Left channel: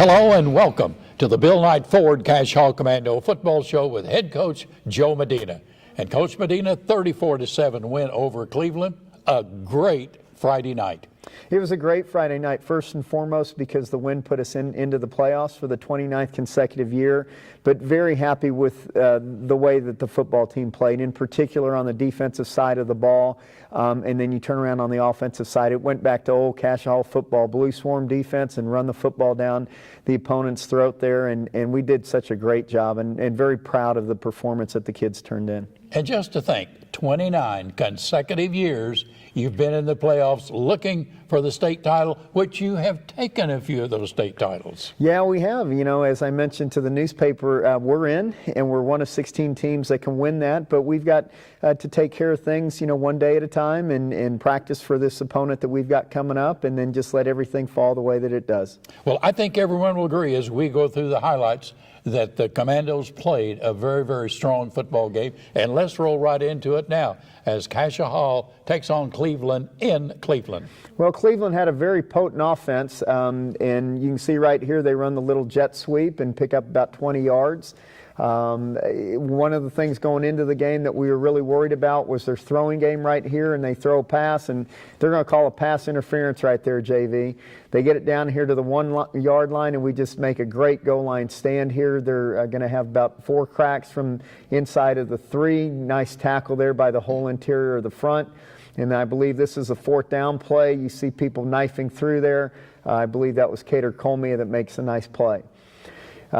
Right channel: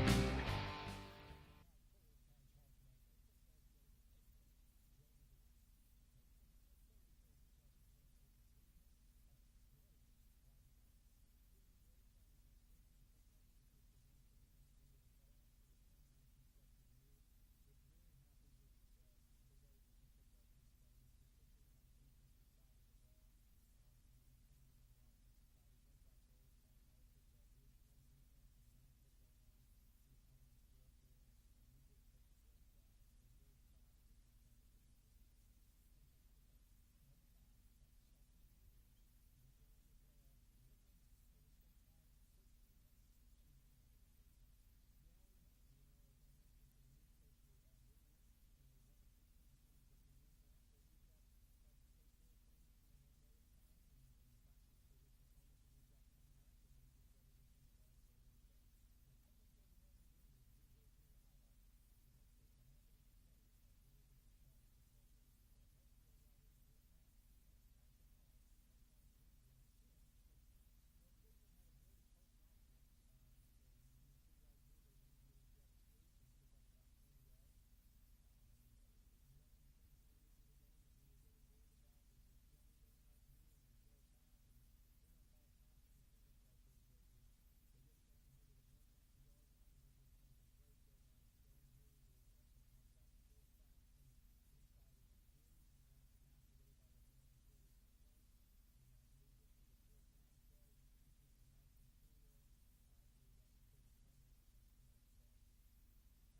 Hello and welcome to the Bill Knight Ford Cascia Commando football show with head coach Joe Medina. And Coach Medina, 34-7 win over Cleveland, a great Friday night. It was a great Friday night, first and foremost because the win put us into the playoffs for the 29th consecutive year, but very happy with the way that the football team played, in particular on the defensive side of the ball. And then you turn around on the offensive side. It went back to old Cascia football, blue swarm defense, and run the football down the opponent's throat there. And we did such a great job, and very proud of the performance that the kids turned in. And just to think, 29 consecutive years you've been in the playoffs looking for the state title, which you have taken a few of those state titles. Yeah, we have. You know, as I mentioned to the newspaper, we're in, and we're one of 16 teams that can win that, but we've got to take care of things, you know, one day at a time and practice for this opponent that we've got coming up, and then just let everything fall the way that it does. Well, I think everyone will agree as we go through the highlights that the Commandos played a very, very strong football game. And let's roll right into it now as Cascia Hall takes on Cleveland in Cleveland. Well, Cleveland had a very potent offense, and you can see right here they run the little jet sweep and pick up about 20 yards. One of the things going into the game that we were really worried about was their throwing game right here, and they throw a pass, and they're going to call a pass interference right there, JV. They get it down here to the 1 yard line, and we just make a great goal line stand here. They're going to have about 4 cracks from inside of the 3. Nice tackle there by the whole interior of the front. And I believe this is a 4th down play. You see people knifing through there. I believe that was Cater Colmia that makes a nice play.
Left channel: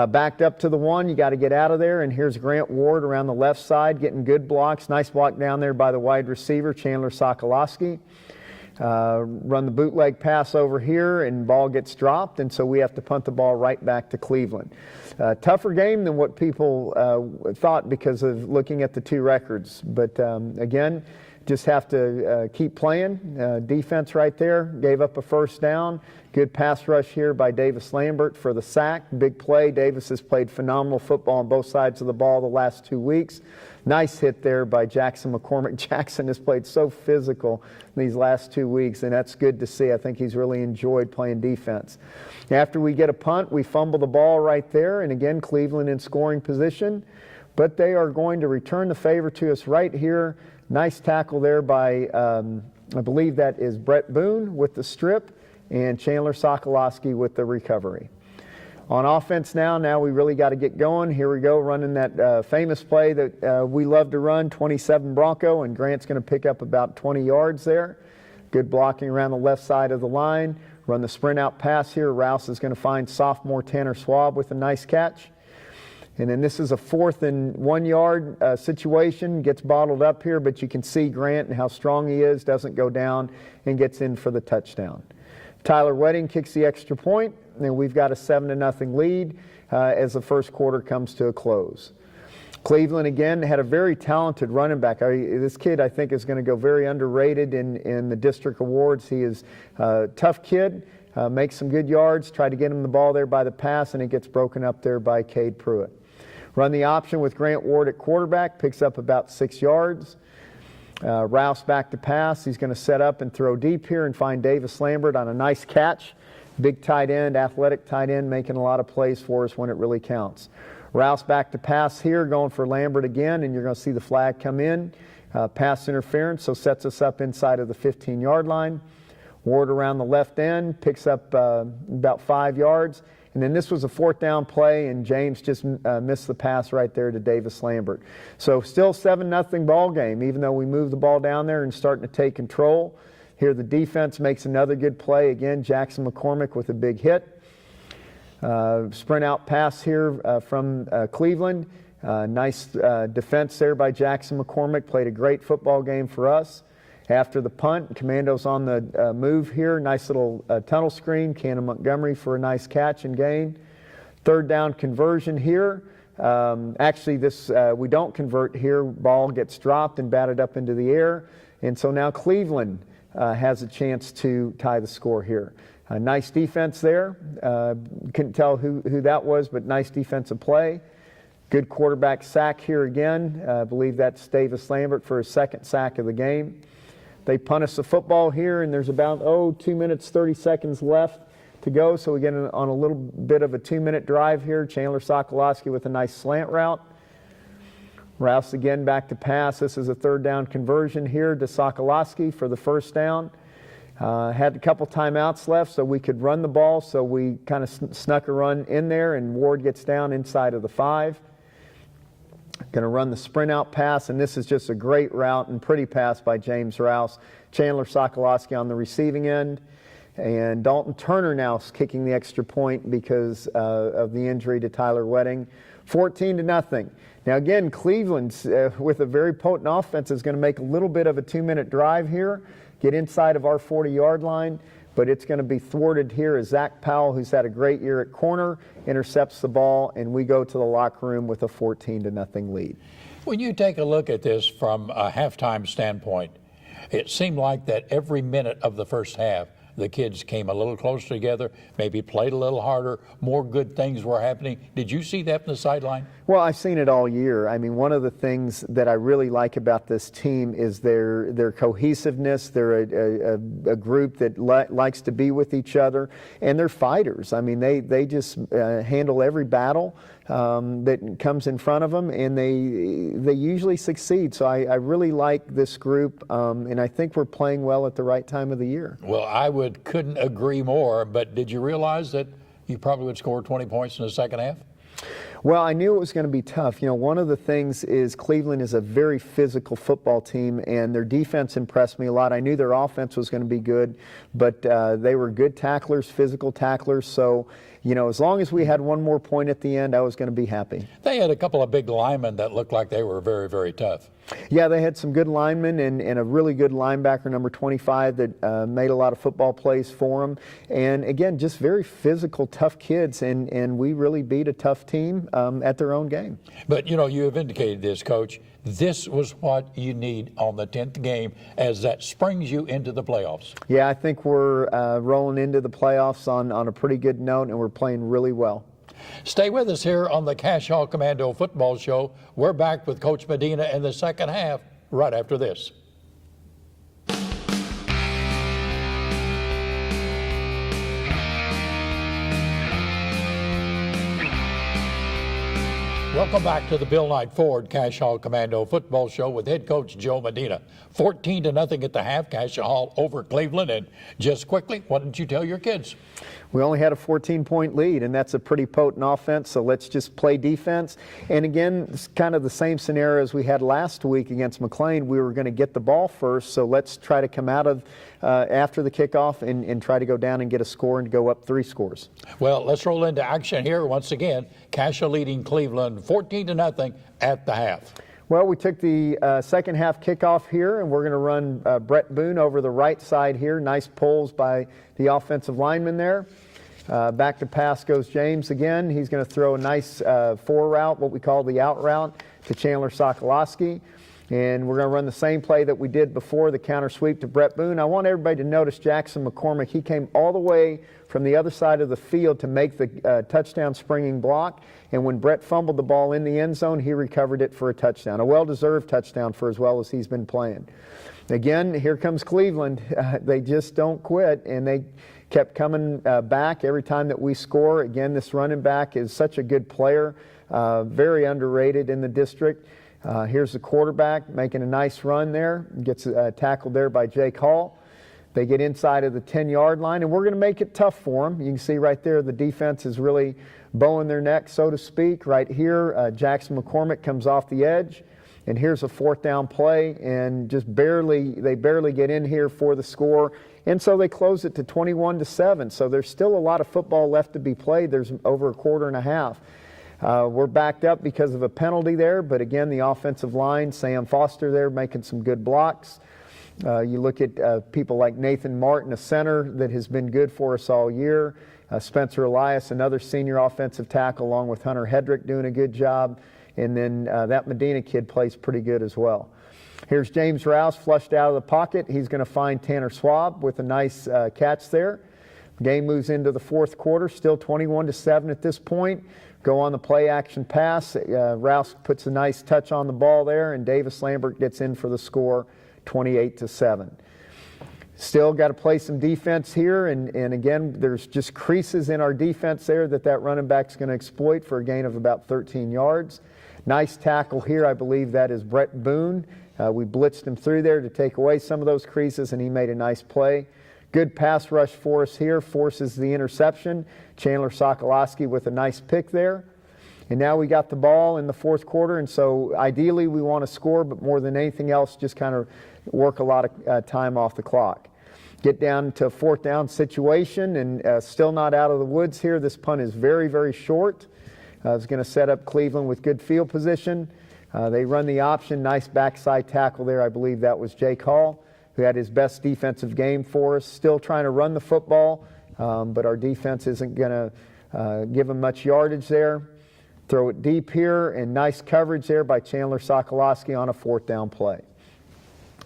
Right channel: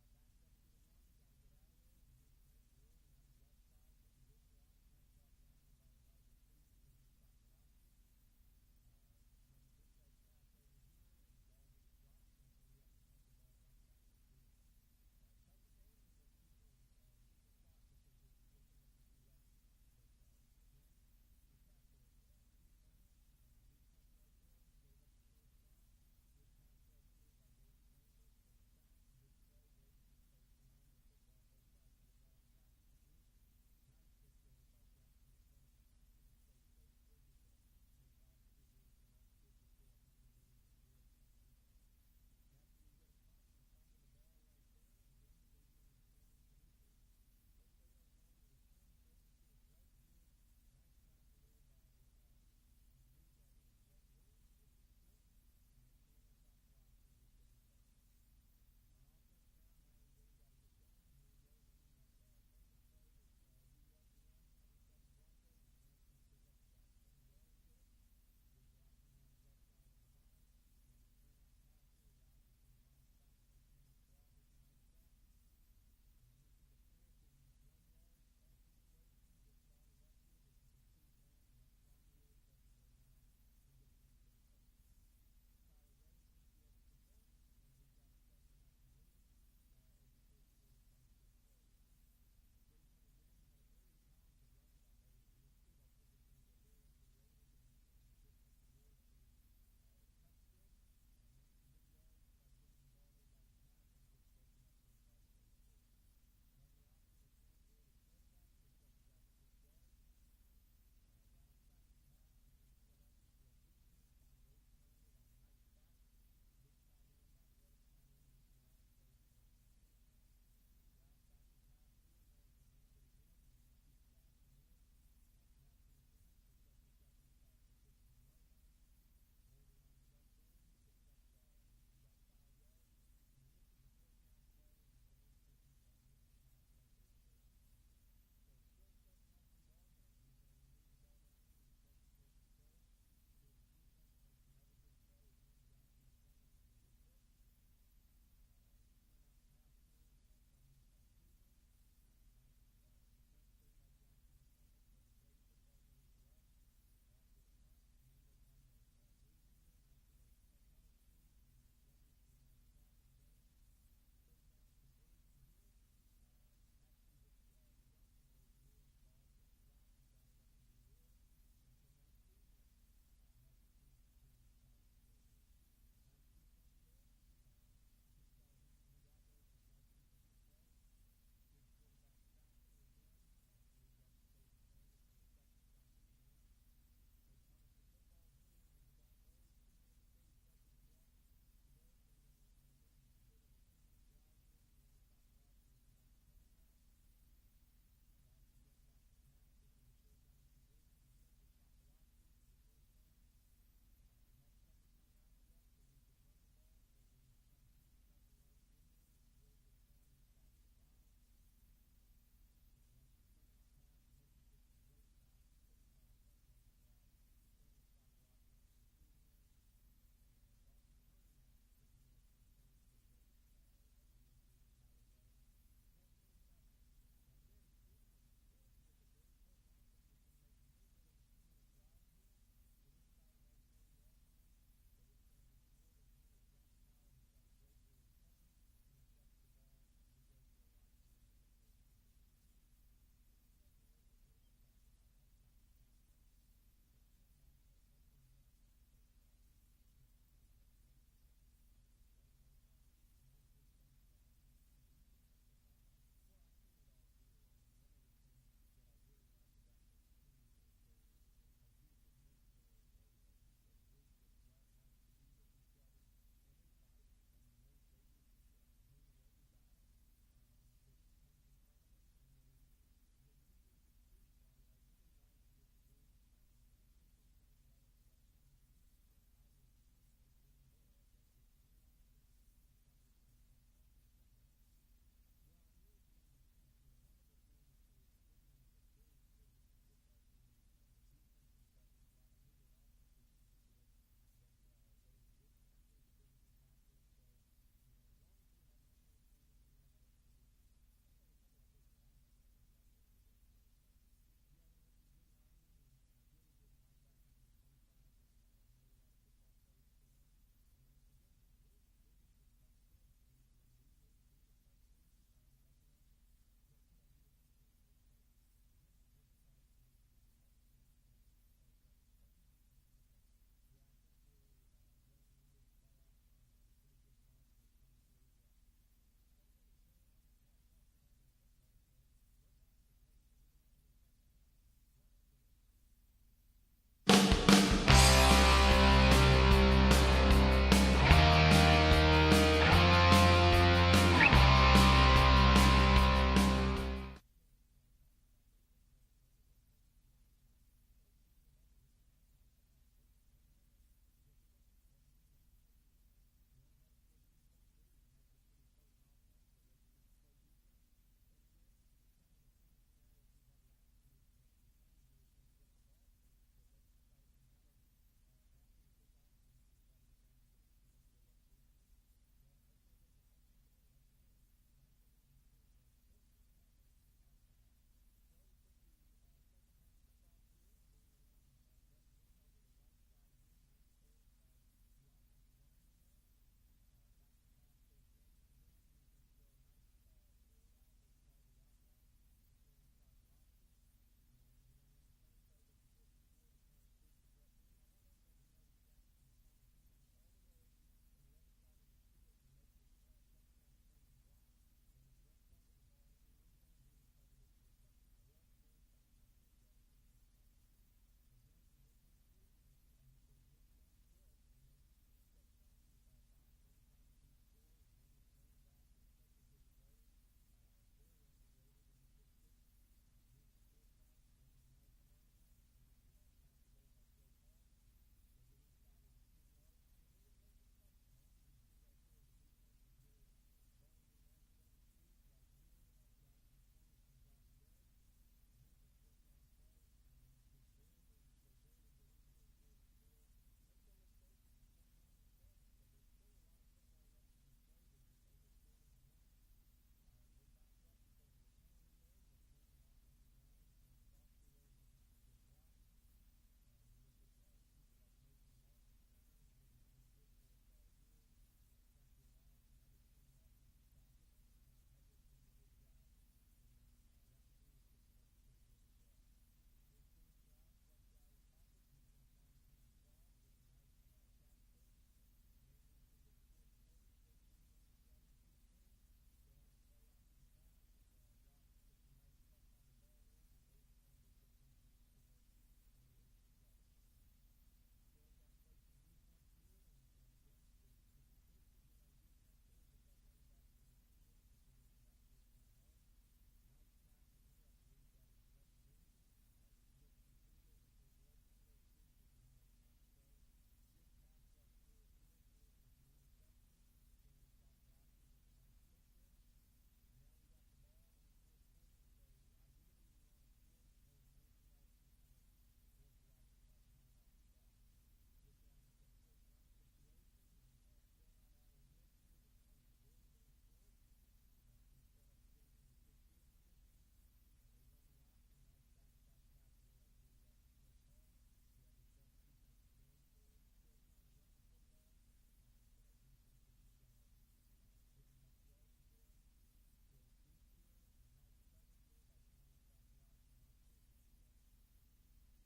Backed up to the 1, you got to get out of there, and here's Grant Ward around the left side getting good blocks. Nice block down there by the wide receiver, Chandler Sokolowski. Run the bootleg pass over here, and ball gets dropped, and so we have to punt the ball right back to Cleveland. Tougher game than what people thought because of looking at the 2 records, but again, just have to keep playing. Defense right there, gave up a 1st down. Good pass rush here by Davis Lambert for the sack. Big play. Davis has played phenomenal football on both sides of the ball the last 2 weeks. Nice hit there by Jackson McCormick. Jackson has played so physical these last 2 weeks, and that's good to see. I think he's really enjoyed playing defense. After we get a punt, we fumble the ball right there, and again, Cleveland in scoring position, but they are going to return the favor to us right here. Nice tackle there by, I believe that is Brett Boone with the strip, and Chandler Sokolowski with the recovery. On offense now we really got to get going. Here we go, running that famous play that we love to run, 27 Bronco, and Grant's going to pick up about 20 yards there. Good blocking around the left side of the line. Run the sprint out pass here. Rouse is going to find sophomore Tanner Schwab with a nice catch. And then this is a 4th and 1 yard situation. Gets bottled up here, but you can see Grant and how strong he is. Doesn't go down and gets in for the touchdown. Tyler Wedding kicks the extra point, and we've got a 7-0 lead as the first quarter comes to a close. Cleveland, again, had a very talented running back. This kid, I think, is going to go very underrated in the district awards. He is a tough kid, makes some good yards, try to get him the ball there by the pass, and it gets broken up there by Cade Pruitt. Run the option with Grant Ward at quarterback, picks up about 6 yards. Rouse back to pass. He's going to set up and throw deep here and find Davis Lambert on a nice catch. Big tight end, athletic tight end, making a lot of plays for us when it really counts. Rouse back to pass here, going for Lambert again, and you're going to see the flag come in. Pass interference, so sets us up inside of the 15-yard line. Ward around the left end, picks up about 5 yards. And then this was a 4th down play, and James just missed the pass right there to Davis Lambert. So still 7-0 ball game, even though we moved the ball down there and starting to take control. Here the defense makes another good play. Again, Jackson McCormick with a big hit. Sprint out pass here from Cleveland. Nice defense there by Jackson McCormick. Played a great football game for us. After the punt, Commando's on the move here. Nice little tunnel screen. Cannon Montgomery for a nice catch and gain. 3rd down conversion here. Actually, this we don't convert here. Ball gets dropped and batted up into the air. And so now Cleveland has a chance to tie the score here. Nice defense there. Couldn't tell who that was, but nice defensive play. Good quarterback sack here again. I believe that's Davis Lambert for his 2nd sack of the game. They punt us the football here, and there's about, 2 minutes, 30 seconds left to go, so we get on a little bit of a 2-minute drive here. Chandler Sokolowski with a nice slant route. Rouse again back to pass. This is a 3rd down conversion here to Sokolowski for the 1st down. Had a couple timeouts left so we could run the ball, so we kind of snuck a run in there, and Ward gets down inside of the 5. Going to run the sprint out pass, and this is just a great route and pretty pass by James Rouse. Chandler Sokolowski on the receiving end, and Dalton Turner now is kicking the extra point because of the injury to Tyler Wedding. 14-0. Now again, Cleveland with a very potent offense is going to make a little bit of a 2-minute drive here, get inside of our 40-yard line, but it's going to be thwarted here as Zach Powell, who's had a great year at corner, intercepts the ball, and we go to the locker room with a 14-0 lead. When you take a look at this from a halftime standpoint, it seemed like that every minute of the first half, the kids came a little closer together, maybe played a little harder, more good things were happening. Did you see that from the sideline? Well, I've seen it all year. I mean, one of the things that I really like about this team is their cohesiveness. They're a group that likes to be with each other, and they're fighters. I mean, they just handle every battle that comes in front of them, and they usually succeed. So I really like this group, and I think we're playing well at the right time of the year. Well, couldn't agree more, but did you realize that you probably would score 20 points in the second half? Well, I knew it was going to be tough. You know, one of the things is Cleveland is a very physical football team, and their defense impressed me a lot. I knew their offense was going to be good, but they were good tacklers, physical tacklers. So, you know, as long as we had one more point at the end, I was going to be happy. They had a couple of big linemen that looked like they were very, very tough. Yeah, they had some good linemen and a really good linebacker, number 25, that made a lot of football plays for them. And again, just very physical, tough kids, and we really beat a tough team at their own game. But, you know, you have indicated this, Coach. This was what you need on the 10th game, as that springs you into the playoffs. Yeah, I think we're rolling into the playoffs on a pretty good note, and we're playing really well. Stay with us here on the Cascia Commando Football Show. We're back with Coach Medina in the second half right after this. Welcome back to the Bill Knight Ford Cascia Commando Football Show with head coach Joe Medina. 14-0 at the half, Cascia Hall over Cleveland. And just quickly, what did you tell your kids? We only had a 14-point lead, and that's a pretty potent offense, so let's just play defense. And again, it's kind of the same scenario as we had last week against McLean. We were going to get the ball first, so let's try to come out of after the kickoff and try to go down and get a score and go up 3 scores. Well, let's roll into action here once again. Cascia leading Cleveland 14-0 at the half. Well, we took the second half kickoff here, and we're going to run Brett Boone over the right side here. Nice pulls by the offensive lineman there. Back to pass goes James again. He's going to throw a nice 4 route, what we call the out route, to Chandler Sokolowski. And we're going to run the same play that we did before, the counter sweep to Brett Boone. I want everybody to notice Jackson McCormick. He came all the way from the other side of the field to make the touchdown springing block. And when Brett fumbled the ball in the end zone, he recovered it for a touchdown, a well-deserved touchdown for as well as he's been playing. Again, here comes Cleveland. They just don't quit, and they kept coming back every time that we score. Again, this running back is such a good player, very underrated in the district. Here's the quarterback making a nice run there, gets tackled there by Jake Hall. They get inside of the 10-yard line, and we're going to make it tough for them. You can see right there the defense is really bowing their neck, so to speak. Right here, Jackson McCormick comes off the edge, and here's a 4th down play, and they barely get in here for the score. And so they close it to 21-7. So there's still a lot of football left to be played. There's over a quarter and a half. We're backed up because of a penalty there, but again, the offensive line, Sam Foster there making some good blocks. You look at people like Nathan Martin, a center that has been good for us all year. Spencer Elias, another senior offensive tackle, along with Hunter Hedrick doing a good job. And then that Medina kid plays pretty good as well. Here's James Rouse flushed out of the pocket. He's going to find Tanner Schwab with a nice catch there. Game moves into the 4th quarter, still 21-7 at this point. Go on the play action pass. Rouse puts a nice touch on the ball there, and Davis Lambert gets in for the score, 28-7. Still got to play some defense here, and again, there's just creases in our defense there that running back's going to exploit for a gain of about 13 yards. Nice tackle here. I believe that is Brett Boone. We blitzed him through there to take away some of those creases, and he made a nice play. Good pass rush for us here, forces the interception. Chandler Sokolowski with a nice pick there. And now we got the ball in the fourth quarter, and so ideally we want to score, but more than anything else, just kind of work a lot of time off the clock. Get down to a fourth down situation, and still not out of the woods here. This punt is very, very short. It's going to set up Cleveland with good field position. They run the option. Nice backside tackle there. I believe that was Jake Hall, who had his best defensive game for us. Still trying to run the football, but our defense isn't going to give him much yardage there. Throw it deep here, and nice coverage there by Chandler Sokolowski on a fourth down play.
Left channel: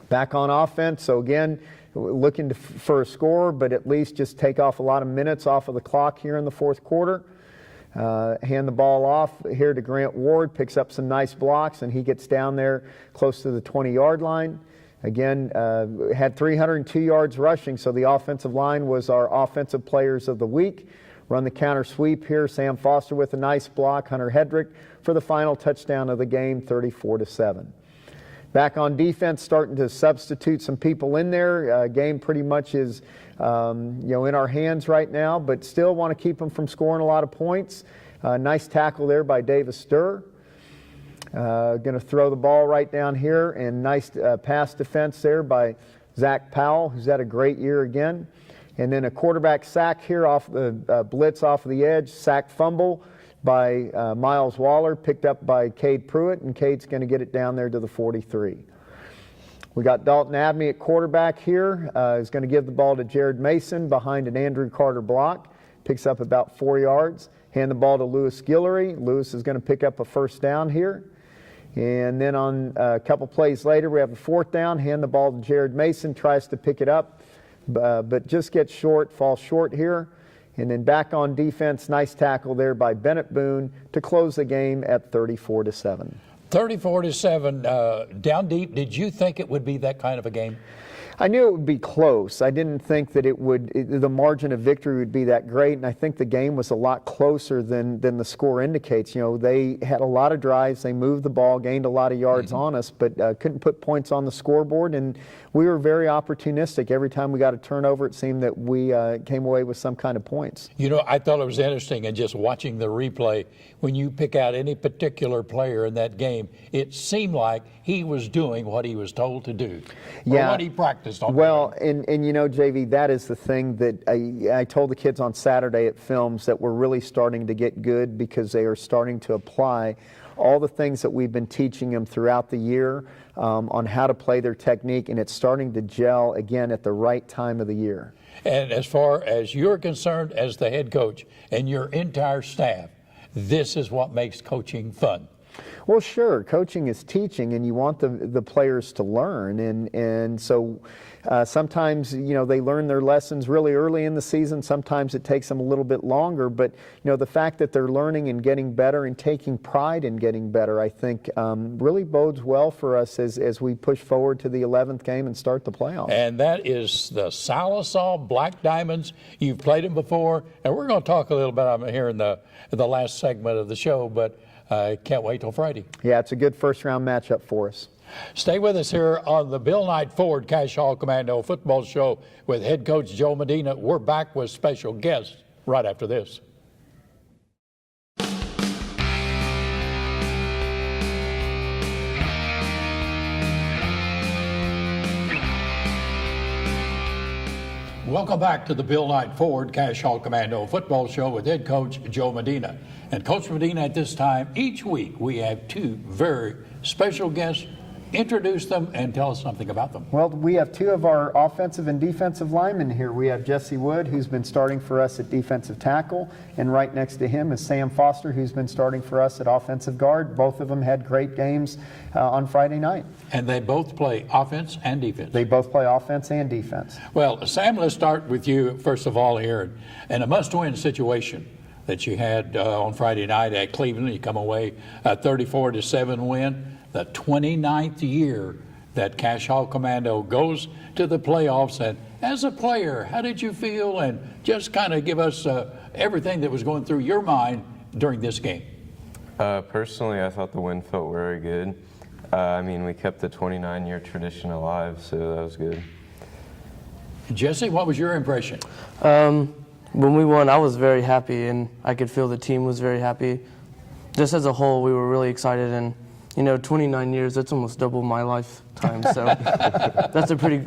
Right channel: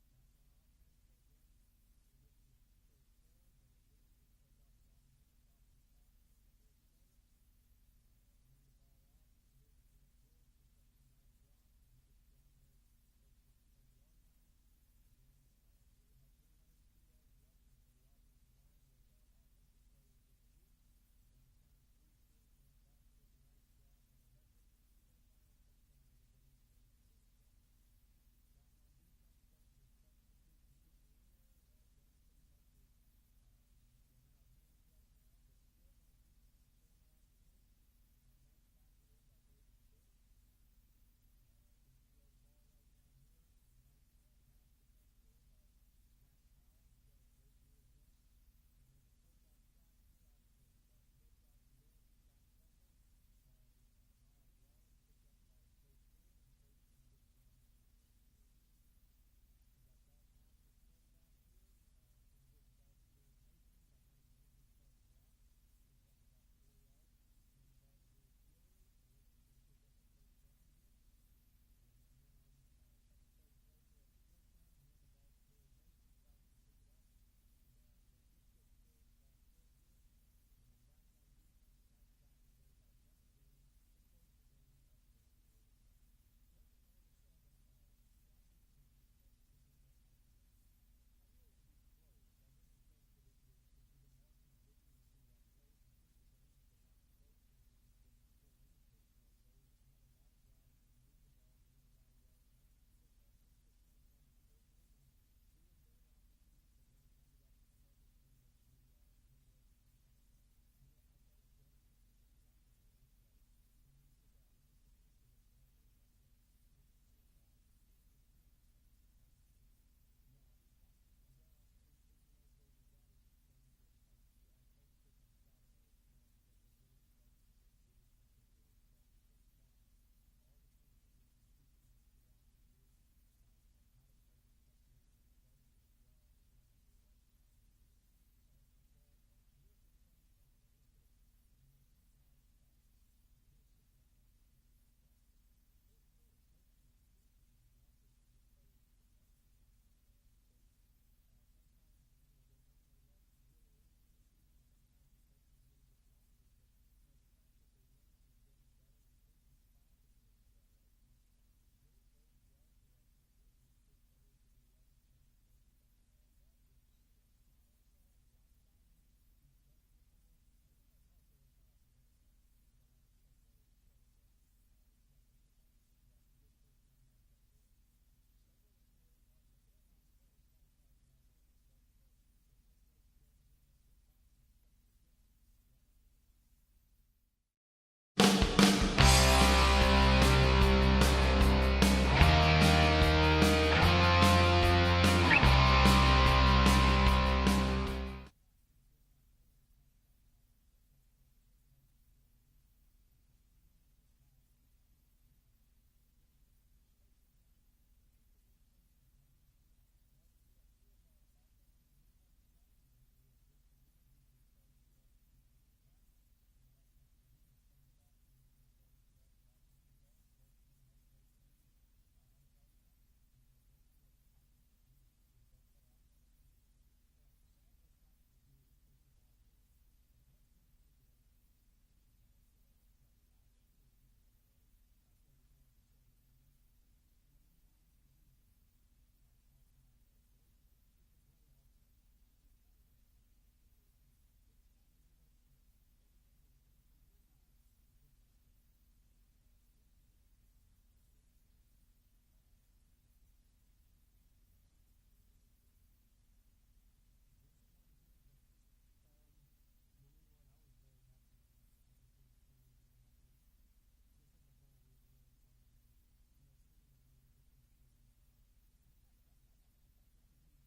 Back on offense, so again, looking for a score, but at least just take off a lot of minutes off of the clock here in the fourth quarter. Hand the ball off here to Grant Ward, picks up some nice blocks, and he gets down there close to the 20-yard line. Again, had 302 yards rushing, so the offensive line was our offensive players of the week. Run the counter sweep here. Sam Foster with a nice block. Hunter Hedrick for the final touchdown of the game, 34-7. Back on defense, starting to substitute some people in there. Game pretty much is in our hands right now, but still want to keep them from scoring a lot of points. Nice tackle there by Davis Sturr. Going to throw the ball right down here, and nice pass defense there by Zach Powell, who's had a great year again. And then a quarterback sack here off the blitz off of the edge, sack fumble by Miles Waller, picked up by Cade Pruitt, and Cade's going to get it down there to the 43. We got Dalton Abney at quarterback here. He's going to give the ball to Jared Mason behind an Andrew Carter block. Picks up about 4 yards. Hand the ball to Lewis Guillory. Lewis is going to pick up a first down here. And then on a couple plays later, we have a fourth down. Hand the ball to Jared Mason. Tries to pick it up, but just gets short, falls short here. And then back on defense, nice tackle there by Bennett Boone to close the game at 34-7. 34-7, down deep. Did you think it would be that kind of a game? I knew it would be close. I didn't think that the margin of victory would be that great, and I think the game was a lot closer than the score indicates. They had a lot of drives, they moved the ball, gained a lot of yards on us, but couldn't put points on the scoreboard, and we were very opportunistic. Every time we got a turnover, it seemed that we came away with some kind of points. I thought it was interesting in just watching the replay. When you pick out any particular player in that game, it seemed like he was doing what he was told to do, or what he practiced on. Well, and JV, that is the thing that I told the kids on Saturday at Films, that we're really starting to get good because they are starting to apply all the things that we've been teaching them throughout the year on how to play their technique, and it's starting to gel again at the right time of the year. And as far as you're concerned as the head coach and your entire staff, this is what makes coaching fun. Well, sure. Coaching is teaching, and you want the players to learn. And so sometimes, they learn their lessons really early in the season. Sometimes it takes them a little bit longer. But, the fact that they're learning and getting better and taking pride in getting better, I think, really bodes well for us as we push forward to the 11th game and start the playoffs. And that is the Salisal Black Diamonds. You've played them before, and we're going to talk a little bit about them here in the last segment of the show, but I can't wait till Friday. Yeah, it's a good first-round matchup for us. Stay with us here on the Bill Knight Ford Cascia Commando Football Show with head coach Joe Medina. We're back with special guests right after this. Welcome back to the Bill Knight Ford Cascia Commando Football Show with head coach Joe Medina. And Coach Medina, at this time, each week we have two very special guests. Introduce them and tell us something about them. Well, we have two of our offensive and defensive linemen here. We have Jesse Wood, who's been starting for us at defensive tackle, and right next to him is Sam Foster, who's been starting for us at offensive guard. Both of them had great games on Friday night. And they both play offense and defense. They both play offense and defense. Well, Sam, let's start with you first of all here. In a must-win situation that you had on Friday night at Cleveland, you come away a 34-7 win. The 29th year that Cascia Commando goes to the playoffs, as a player, how did you feel? And just kind of give us everything that was going through your mind during this game. Personally, I thought the win felt very good. I mean, we kept the 29-year tradition alive, so that was good. Jesse, what was your impression? When we won, I was very happy, and I could feel the team was very happy. Just as a whole, we were really excited, and 29 years, that's almost double my lifetime, so that's a pretty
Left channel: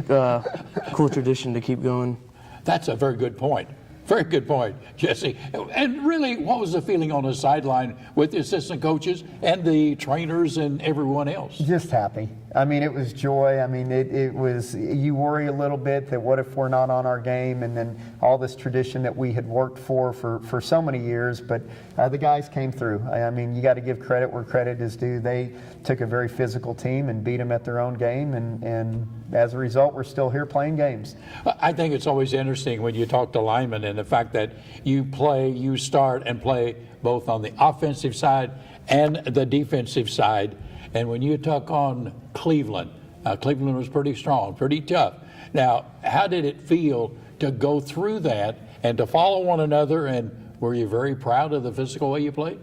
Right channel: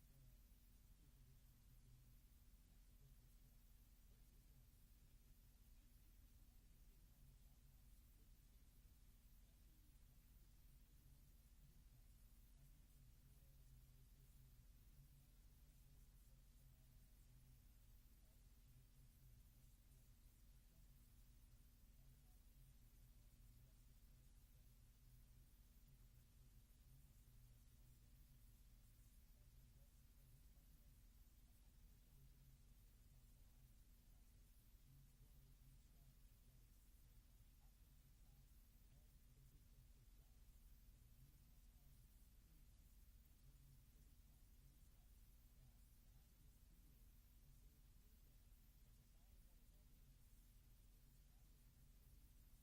cool tradition to keep going. That's a very good point. Very good point, Jesse. And really, what was the feeling on the sideline with the assistant coaches and the trainers and everyone else? Just happy. I mean, it was joy. I mean, it was, you worry a little bit that what if we're not on our game, and then all this tradition that we had worked for so many years, but the guys came through. I mean, you got to give credit where credit is due. They took a very physical team and beat them at their own game, and as a result, we're still here playing games. I think it's always interesting when you talk to linemen and the fact that you start and play both on the offensive side and the defensive side. And when you took on Cleveland, Cleveland was pretty strong, pretty tough. Now, how did it feel to go through that and to follow one another? And were you very proud of the physical way you played?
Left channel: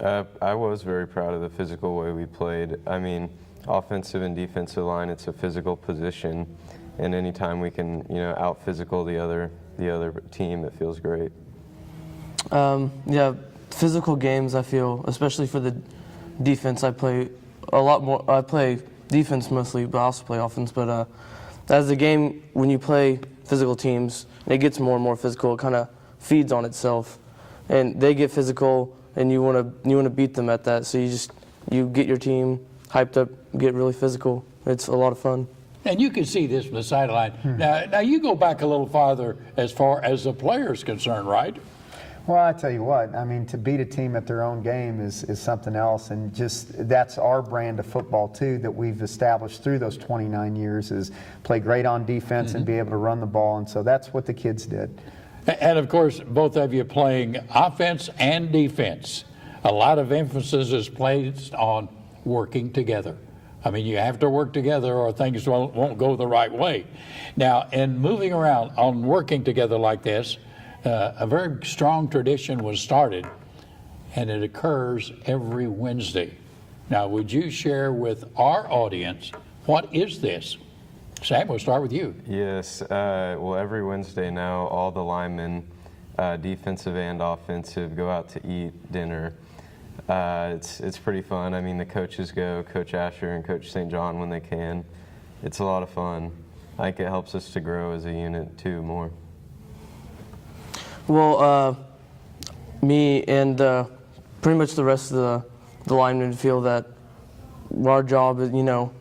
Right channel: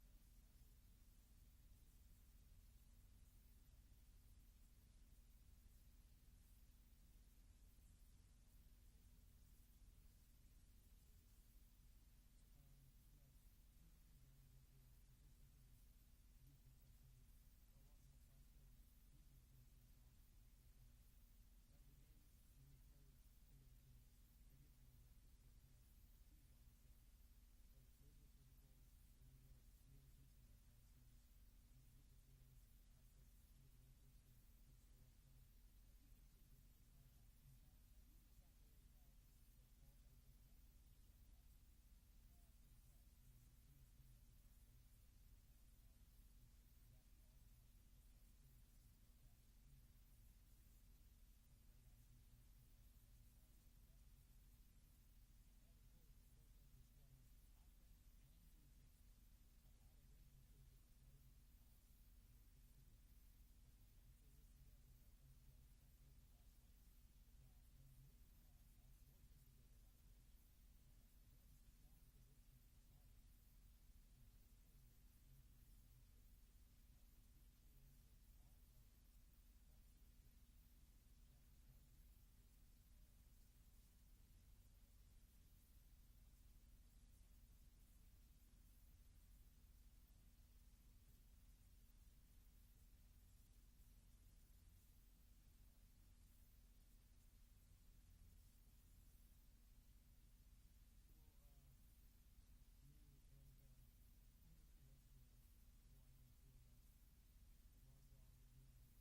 I was very proud of the physical way we played. I mean, offensive and defensive line, it's a physical position, and anytime we can, out physical the other team, it feels great. Yeah, physical games, I feel, especially for the defense, I play a lot more. I play defense mostly, but I also play offense. But as the game, when you play physical teams, it gets more and more physical. It kind of feeds on itself, and they get physical, and you want to beat them at that. So you get your team hyped up, get really physical. It's a lot of fun. And you can see this from the sideline. Now you go back a little farther as far as the player's concerned, right? Well, I tell you what, I mean, to beat a team at their own game is something else, and just that's our brand of football too that we've established through those 29 years is play great on defense and be able to run the ball, and so that's what the kids did. And of course, both of you playing offense and defense. A lot of emphasis is placed on working together. I mean, you have to work together or things won't go the right way. Now, in moving around on working together like this, a very strong tradition was started, and it occurs every Wednesday. Now, would you share with our audience, what is this? Sam, we'll start with you. Yes, well, every Wednesday now, all the linemen, defensive and offensive, go out to eat dinner. It's pretty fun. I mean, the coaches go, Coach Asher and Coach St. John when they can. It's a lot of fun. I think it helps us to grow as a unit too more. Well, me and pretty much the rest of the linemen feel that our job is,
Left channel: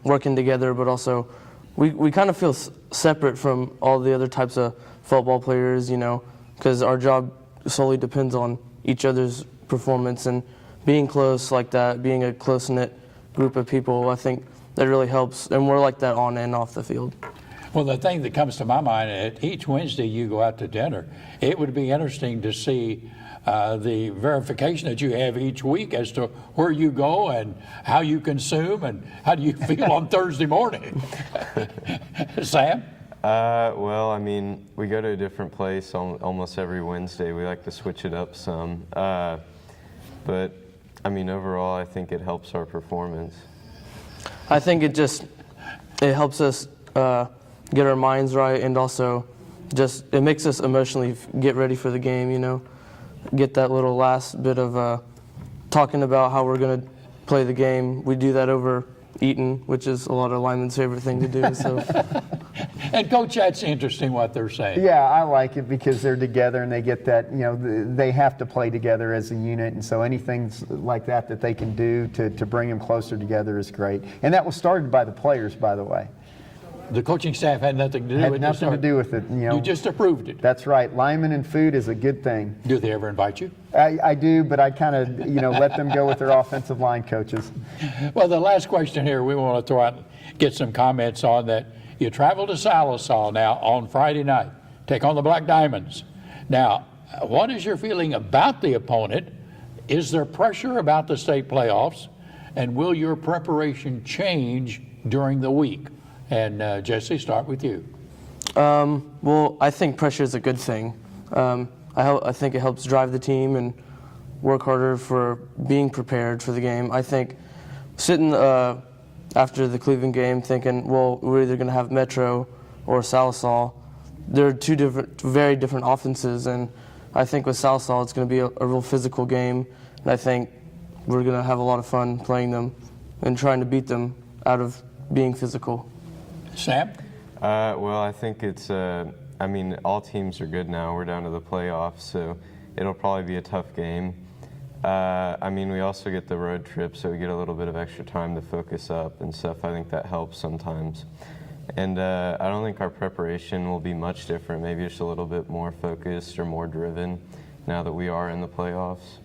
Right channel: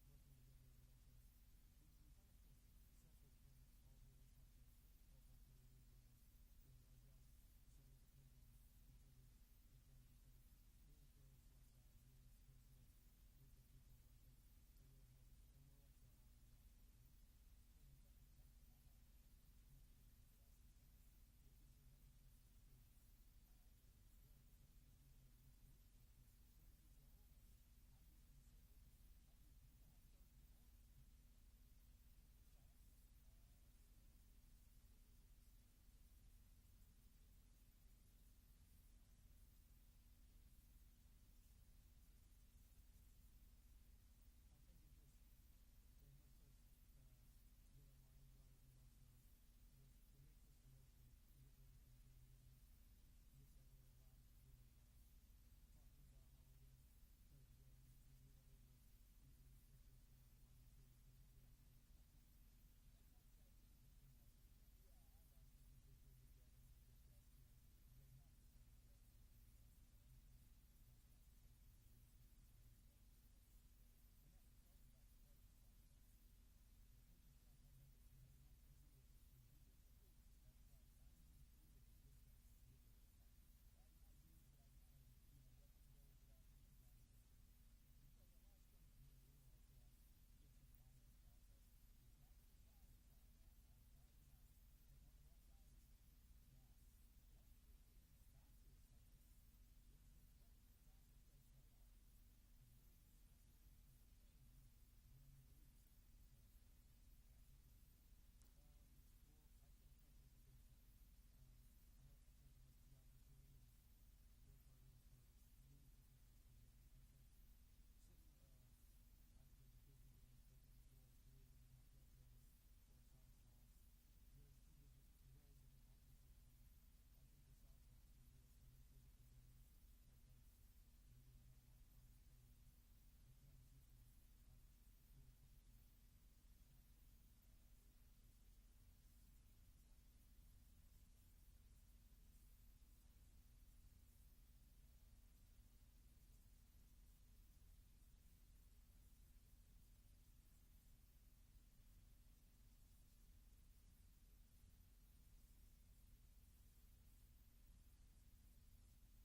working together, but also we kind of feel separate from all the other types of football players, because our job solely depends on each other's performance, and being close like that, being a close-knit group of people, I think that really helps, and we're like that on and off the field. Well, the thing that comes to my mind, each Wednesday you go out to dinner, it would be interesting to see the verification that you have each week as to where you go and how you consume and how do you feel on Thursday morning. Sam? Well, I mean, we go to a different place almost every Wednesday. We like to switch it up some. But, I mean, overall, I think it helps our performance. I think it helps us get our minds right, and also it makes us emotionally get ready for the game, get that little last bit of talking about how we're going to play the game. We do that over eating, which is a lot of linemen's favorite thing to do. So. And Coach, that's interesting what they're saying. Yeah, I like it because they're together and they get that, they have to play together as a unit, and so anything like that they can do to bring them closer together is great. And that was started by the players, by the way. The coaching staff had nothing to do with it. Had nothing to do with it. You just approved it. That's right. Linemen and food is a good thing. Do they ever invite you? I do, but I kind of, let them go with their offensive line coaches. Well, the last question here we want to throw out, get some comments on that. You travel to Salisaw now on Friday night, take on the Black Diamonds. Now, what is your feeling about the opponent? Is there pressure about the state playoffs? And will your preparation change during the week? And Jesse, start with you. Well, I think pressure is a good thing. I think it helps drive the team and work harder for being prepared for the game. I think sitting after the Cleveland game thinking, well, we're either going to have Metro or Sallisaw. They're two very different offenses, and I think with Sallisaw it's going to be a real physical game, and I think we're going to have a lot of fun playing them and trying to beat them out of being physical. Sam? Well, I think it's, I mean, all teams are good now. We're down to the playoffs, so it'll probably be a tough game. I mean, we also get the road trip, so we get a little bit of extra time to focus up and stuff. I think that helps sometimes. And I don't think our preparation will be much different, maybe just a little bit more focused or more driven now that we are in the playoffs.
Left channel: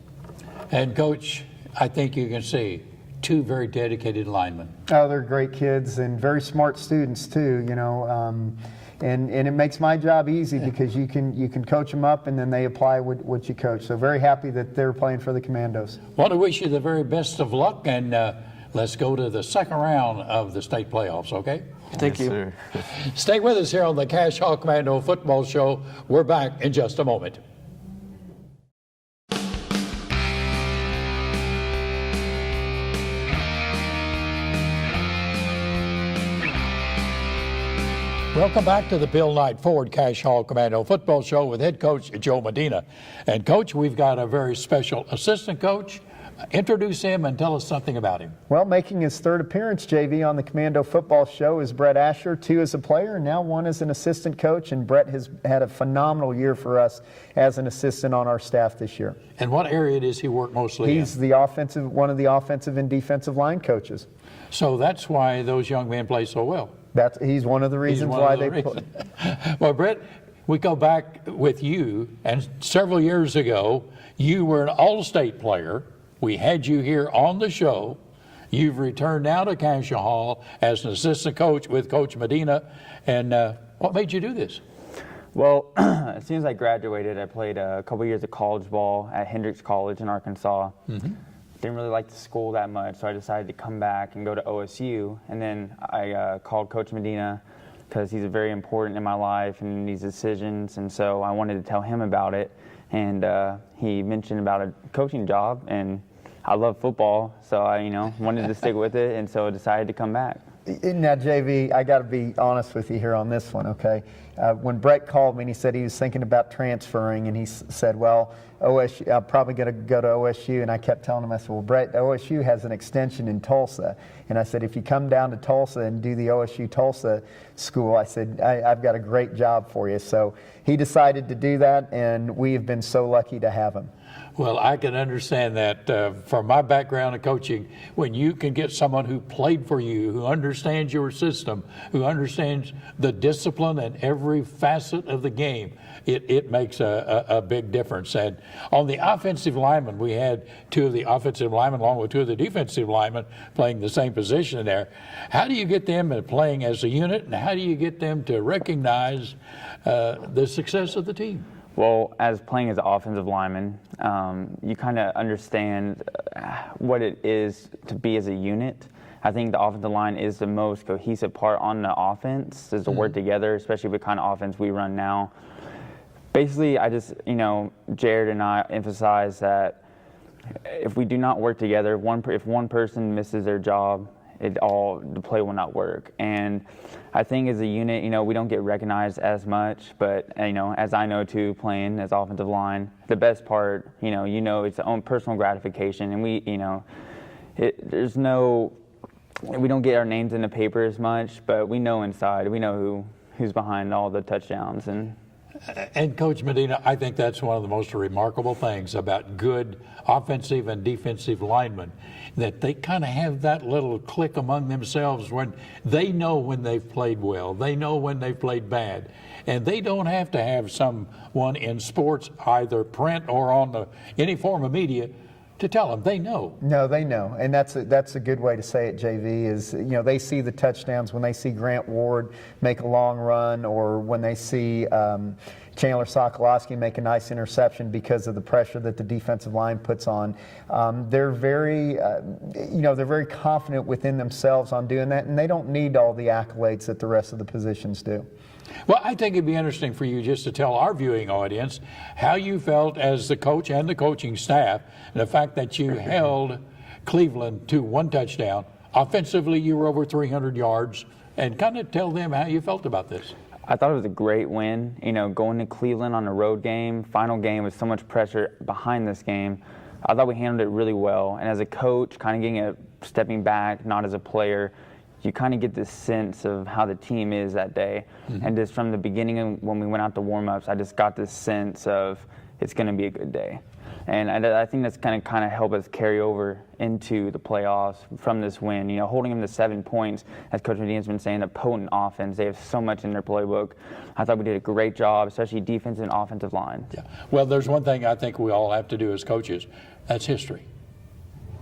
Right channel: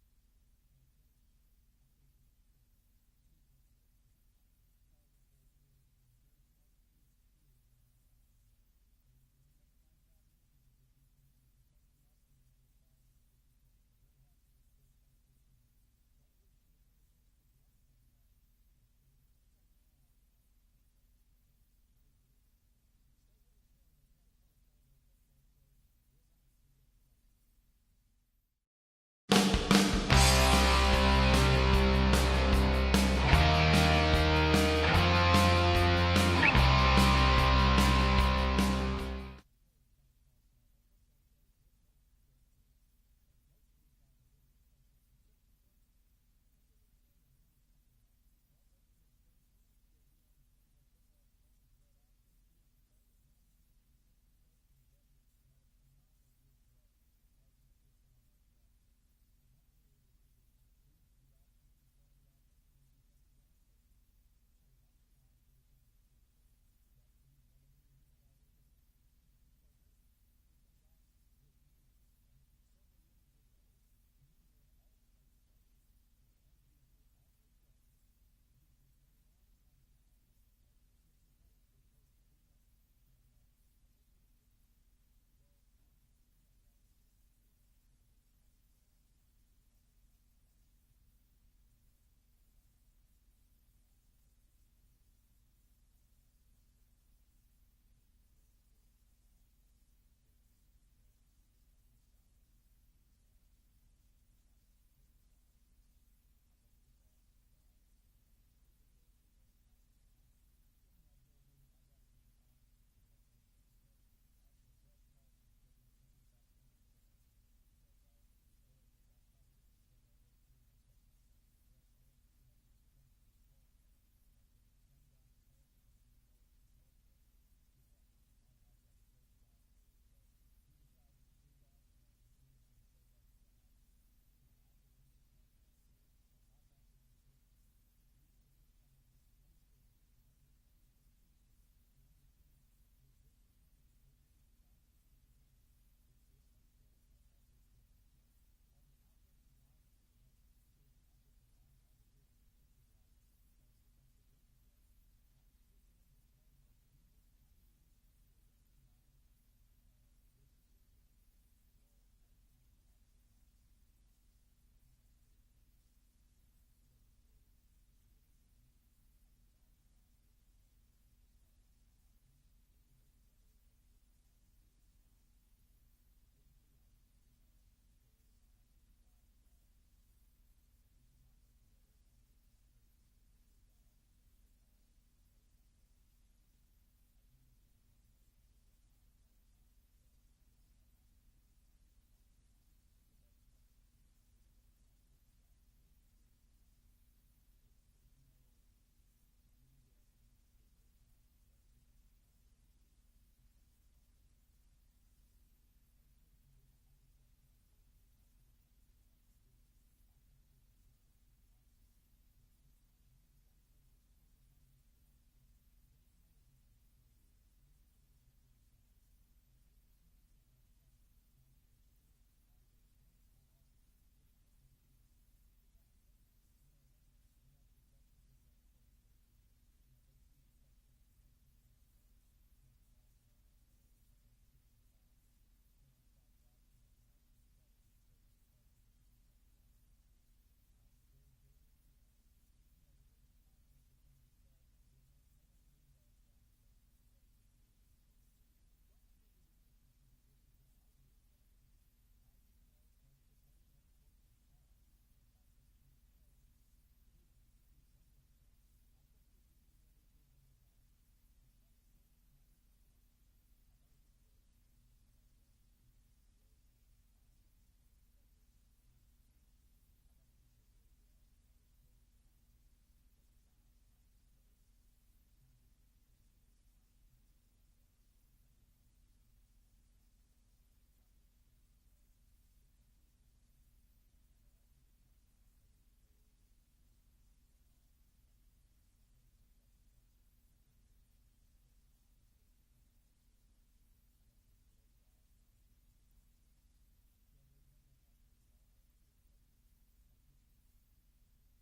And Coach, I think you can see two very dedicated linemen. Oh, they're great kids and very smart students too, you know. And it makes my job easy because you can coach them up and then they apply what you coach. So very happy that they're playing for the Commandos. Want to wish you the very best of luck, and let's go to the second round of the state playoffs, okay? Thank you. Sir. Stay with us here on the Cascia Commando Football Show. We're back in just a moment. Welcome back to the Bill Knight Ford Cash Hall Commando Football Show with head coach Joe Medina. And Coach, we've got a very special assistant coach. Introduce him and tell us something about him. Well, making his third appearance, JV, on the Commando Football Show is Brett Asher, 2 as a player and now 1 as an assistant coach. And Brett has had a phenomenal year for us as an assistant on our staff this year. And what area does he work mostly in? He's the one of the offensive and defensive line coaches. So that's why those young men play so well. He's one of the reasons why they play. Well, Brett, we go back with you, and several years ago, you were an all-state player. We had you here on the show. You've returned now to Cascia Hall as an assistant coach with Coach Medina. And what made you do this? Well, as soon as I graduated, I played a couple years of college ball at Hendrix College in Arkansas. Didn't really like the school that much, so I decided to come back and go to OSU. And then I called Coach Medina because he's very important in my life and in these decisions, and so I wanted to tell him about it. And he mentioned about a coaching job, and I love football, so I wanted to stick with it, and so I decided to come back. Now, JV, I got to be honest with you here on this one, okay? When Brett called me and he said he was thinking about transferring, and he said, well, OSU, I'm probably going to go to OSU, and I kept telling him, I said, well, Brett, OSU has an extension in Tulsa, and I said, if you come down to Tulsa and do the OSU Tulsa school, I said, I've got a great job for you. So he decided to do that, and we have been so lucky to have him. Well, I can understand that from my background in coaching, when you can get someone who played for you, who understands your system, who understands the discipline and every facet of the game, it makes a big difference. And on the offensive linemen, we had 2 of the offensive linemen along with 2 of the defensive linemen playing the same position there. How do you get them playing as a unit, and how do you get them to recognize the success of the team? Well, as playing as an offensive lineman, you kind of understand what it is to be as a unit. I think the offensive line is the most cohesive part on the offense, is to work together, especially with the kind of offense we run now. Basically, I just, Jared and I emphasize that if we do not work together, if one person misses their job, the play will not work. And I think as a unit, we don't get recognized as much, but as I know too, playing as offensive line, the best part, it's the own personal gratification, and we don't get our names in the paper as much, but we know inside, we know who's behind all the touchdowns. And Coach Medina, I think that's one of the most remarkable things about good offensive and defensive linemen, that they kind of have that little click among themselves when they know when they've played well, they know when they've played bad, and they don't have to have someone in sports, either print or on any form of media, to tell them. They know. No, they know, and that's a good way to say it, JV, is they see the touchdowns when they see Grant Ward make a long run, or when they see Chandler Sokolowski make a nice interception because of the pressure that the defensive line puts on. They're very confident within themselves on doing that, and they don't need all the accolades that the rest of the positions do. Well, I think it'd be interesting for you just to tell our viewing audience how you felt as the coach and the coaching staff, and the fact that you held Cleveland to 1 touchdown. Offensively, you were over 300 yards, and kind of tell them how you felt about this. I thought it was a great win. You know, going to Cleveland on a road game, final game with so much pressure behind this game, I thought we handled it really well. And as a coach, kind of getting a stepping back, not as a player, you kind of get this sense of how the team is that day. And just from the beginning when we went out to warm-ups, I just got this sense of it's going to be a good day. And I think that's going to kind of help us carry over into the playoffs from this win. You know, holding them to 7 points, as Coach Medina's been saying, a potent offense. They have so much in their playbook. I thought we did a great job, especially defense and offensive line. Yeah. Well, there's one thing I think we all have to do as coaches. That's history.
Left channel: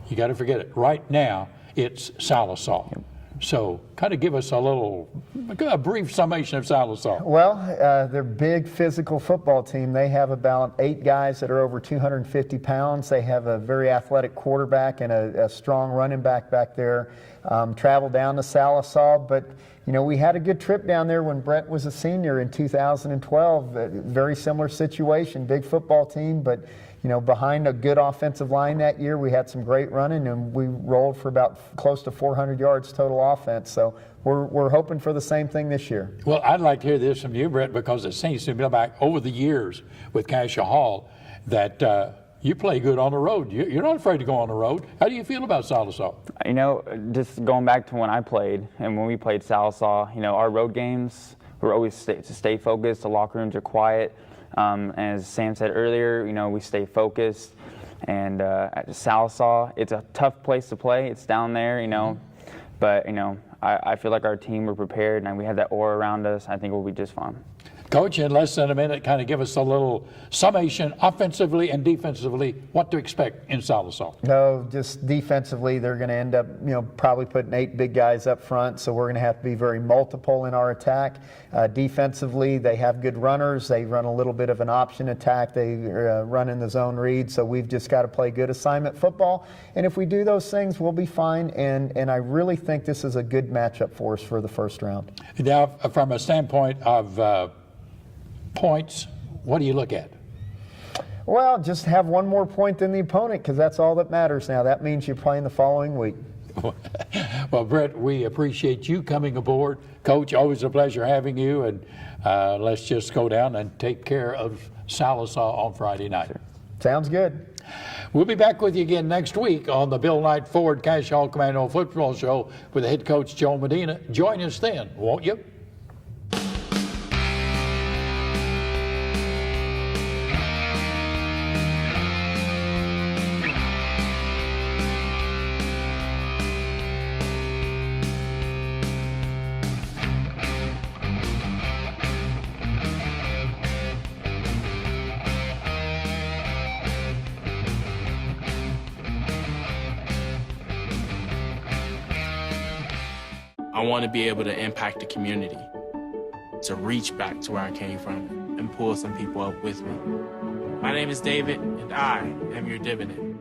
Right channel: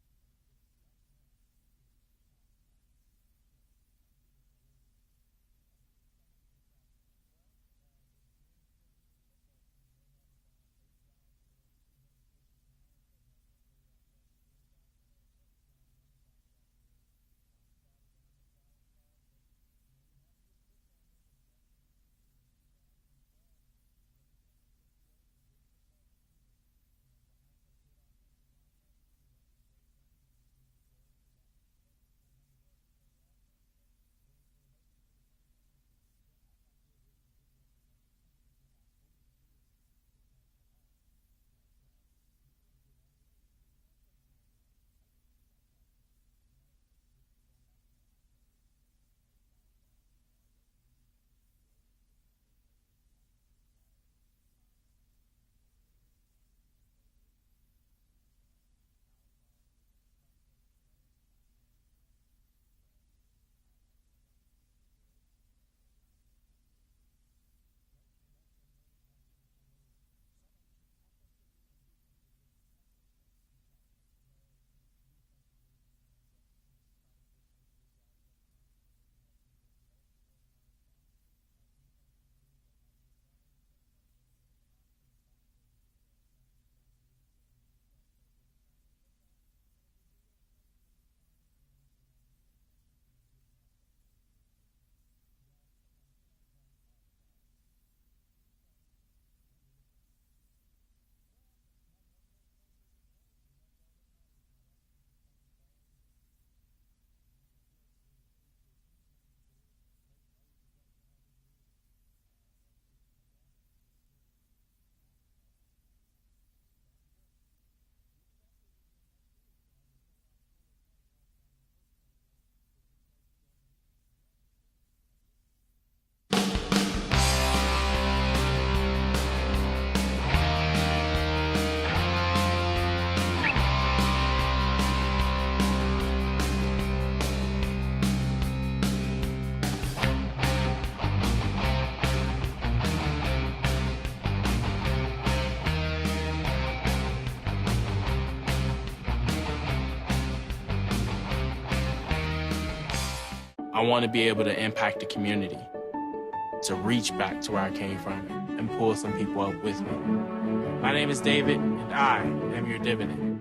You got to forget it. Right now, it's Sallisaw. Yep. So kind of give us a brief summation of Sallisaw. Well, they're a big physical football team. They have about 8 guys that are over 250 pounds. They have a very athletic quarterback and a strong running back there. Traveled down to Sallisaw, but you know, we had a good trip down there when Brett was a senior in 2012. Very similar situation, big football team, but you know, behind a good offensive line that year, we had some great running, and we rolled for about close to 400 yards total offense. So we're hoping for the same thing this year. Well, I'd like to hear this from you, Brett, because it seems to me back over the years with Cascia Hall that you play good on the road. You're not afraid to go on the road. How do you feel about Sallisaw? You know, just going back to when I played and when we played Sallisaw, you know, our road games, we're always to stay focused. The locker rooms are quiet. As Sam said earlier, you know, we stay focused. And at Sallisaw, it's a tough place to play. It's down there, you know. But, you know, I feel like our team, we're prepared, and we have that aura around us. I think we'll be just fine. Coach, in less than a minute, kind of give us a little summation, offensively and defensively, what to expect in Sallisaw. No, just defensively, they're going to end up, you know, probably putting 8 big guys up front, so we're going to have to be very multiple in our attack. Defensively, they have good runners. They run a little bit of an option attack. They run in the zone read, so we've just got to play good assignment football. And if we do those things, we'll be fine, and I really think this is a good matchup for us for the first round. Now, from a standpoint of points, what do you look at? Well, just have one more point than the opponent, because that's all that matters now. That means you're playing the following week. Well, Brett, we appreciate you coming aboard. Coach, always a pleasure having you, and let's just go down and take care of Sallisaw on Friday night. Sounds good. We'll be back with you again next week on the Bill Knight Ford Cascia Hall Commando Football Show with head coach Joe Medina. Join us then, won't you? I want to be able to impact the community, to reach back to where I came from and pull some people up with me. My name is David, and I am your dividend.